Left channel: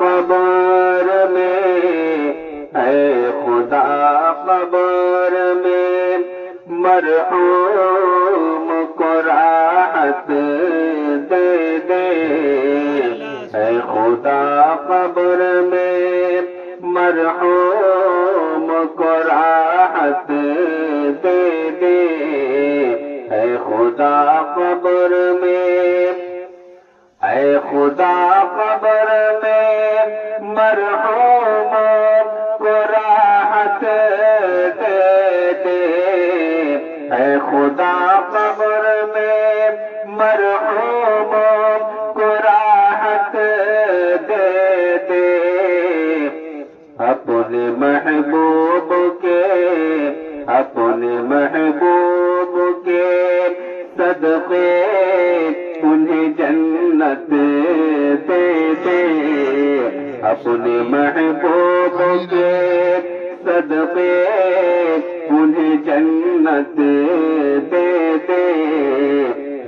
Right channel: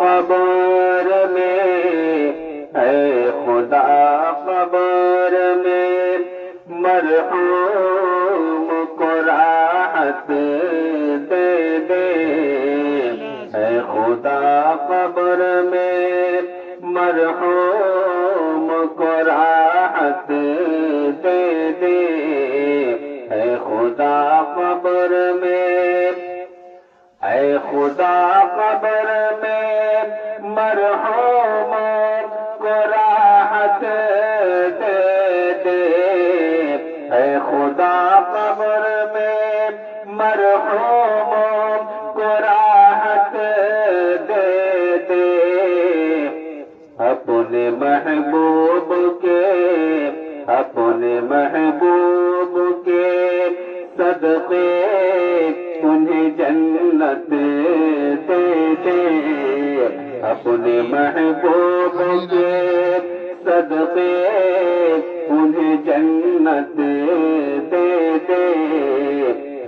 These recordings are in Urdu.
قبر میں اے خدا قبر میں مرحوم کو راحت دے دے اے خدا قبر میں مرحوم کو راحت دے دے اے خدا قبر میں اے خدا قبر میں مرحوم کو راحت دے دے اے خدا قبر میں مرحوم کو راحت دے دے اپنے محبوب کے صدقے انہیں جنت دے دے اپنے محبوب کے صدقے انہیں جنت دے دے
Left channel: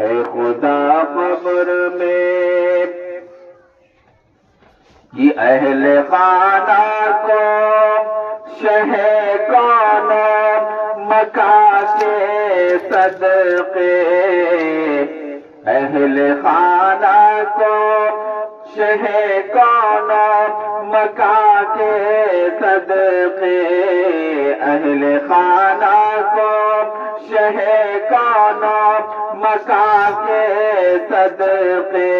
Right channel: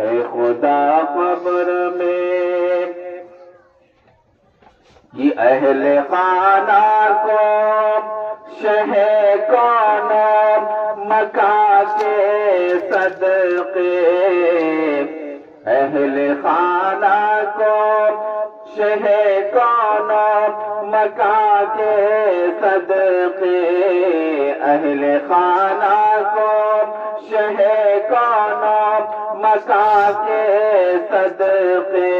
اے خدا قبر میں کہ اہل خانہ کو شہ کون مکہ کے صدقے اہل خانہ کو شہ کون مکہ کے صدقے اہل خانہ کو شہ کون مکہ کے صدقے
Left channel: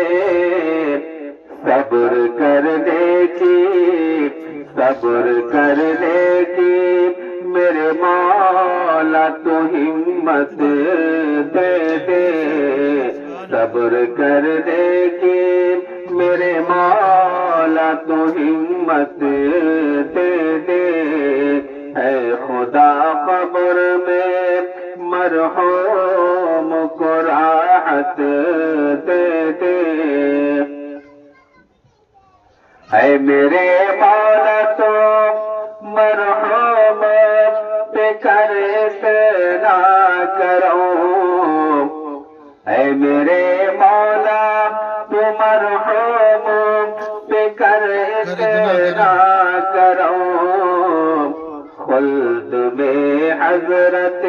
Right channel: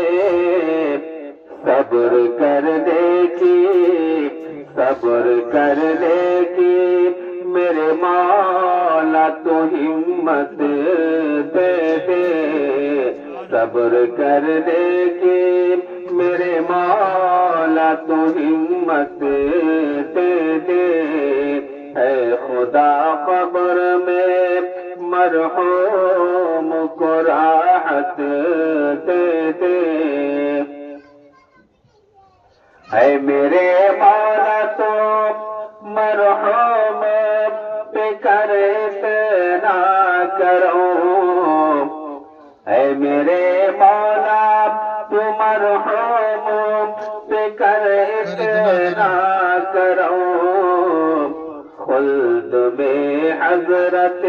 صبر کرنے کی میرے مولا تو ہمت دے دے صبر کرنے کی میرے مولا تو ہمت دے دے اے خدا قبر میں مرحوم کو راحت دے دے اے میرے مولا تو مرحوم پہ کرتے نہ کرو اے میرے مولا تو مرحوم پہ کرتے نہ کرو خلد میں حضرت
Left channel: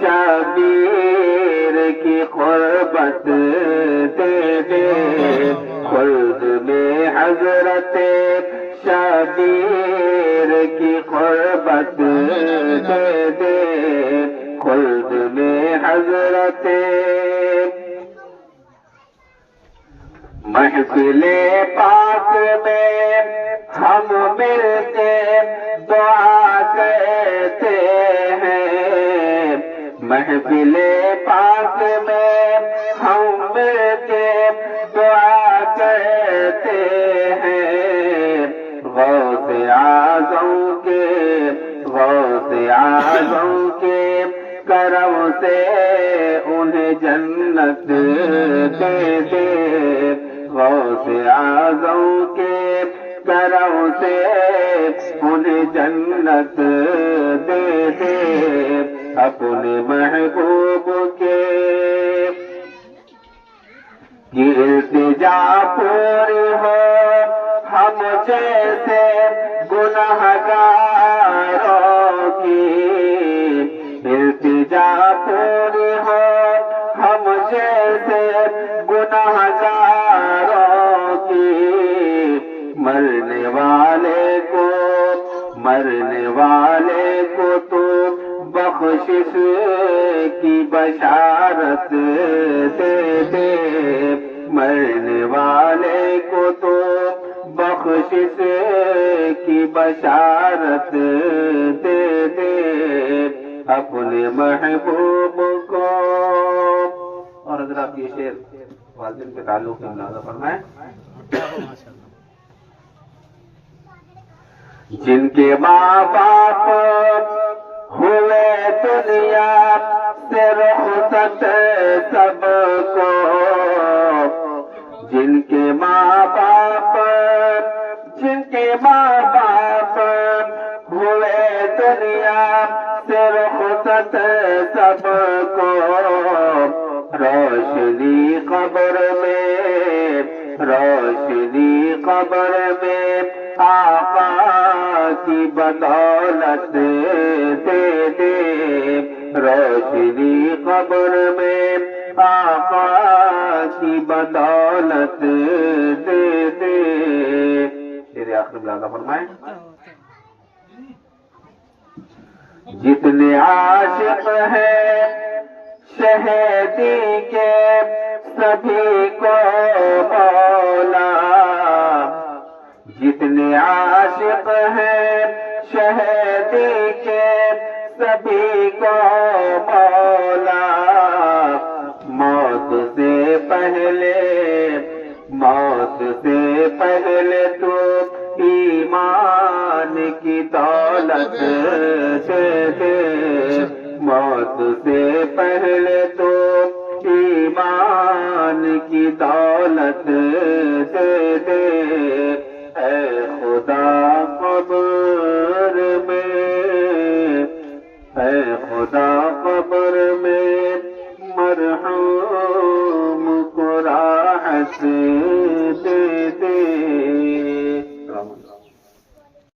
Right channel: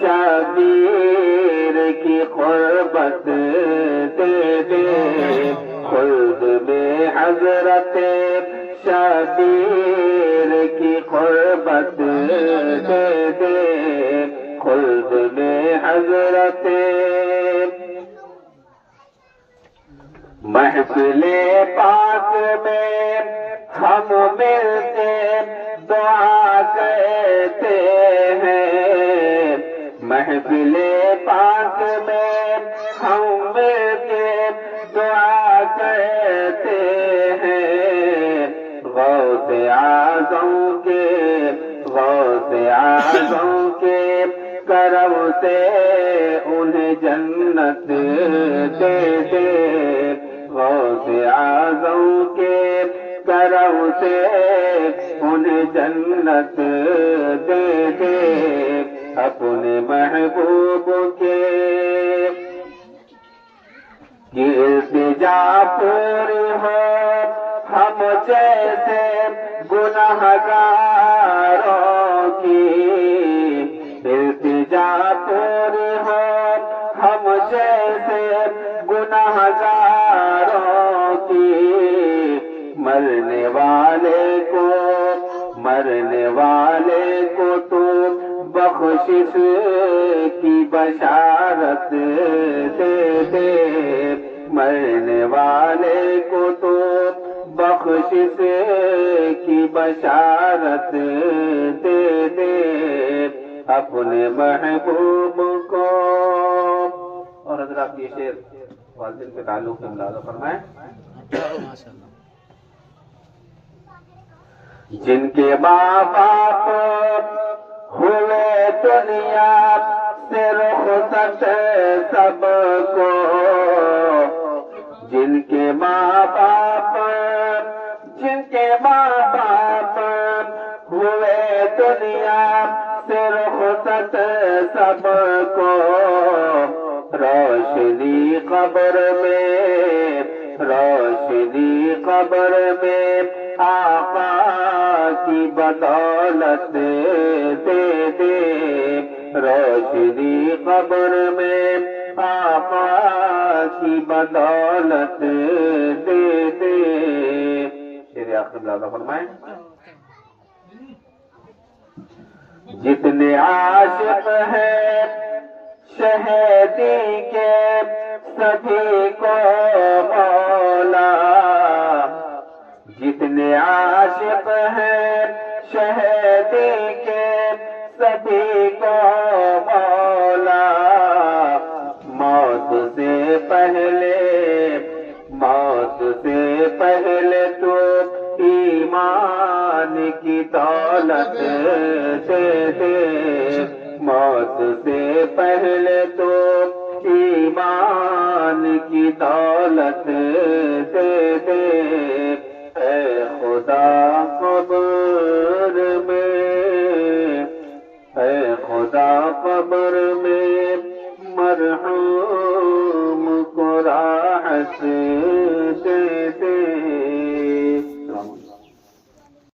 شبیر کی قربت دے دے خلد میں حضرت شبیر کی قربت دے دے خلد میں حضرت محفل پاک میں ہم ملتے دعا کہتے ہیں محفل پاک میں ہم ملتے دعا کہتے ہیں غوث اعظم کے کرم سے انہیں جنت دے دے غوث اعظم کے کرم سے انہیں جنت دے دے اپنے محبوب کے کی التجا پوری ہو ہم جیسے گنہگاروں کی التجا پوری ہو ہم جیسے گنہگاروں کی مرنے والے کو تو بخشش کی بشارت دے دے مرنے والے کو تو بخشش کی بشارت دے دے اپنے محبوب کو اور حضرات یہ شعر والدین کے تعلق سے ملاحظہ فرمائیں جن کے ماں باپ ہوئے دنیا سے رخصت سب کو جن کے ماں باپ ہوئے دنیا سے رخصت سب کو روشنی قبر میں روشنی قبر میں آقا کی بدولت دے دے روشنی قبر میں آقا کی بدولت دے دے شعر آخر ملازہ فرمائیں جتنے عاشق ہیں شہیدی کے سبھی کو مولا جتنے عاشق ہیں شہیدی کے سبھی کو مولا موت سے پہلے تو ایمان کی دولت دے دے موت سے پہلے تو ایمان کی دولت دے دے اے خدا قبر میں مرحوم کو راحت دے دے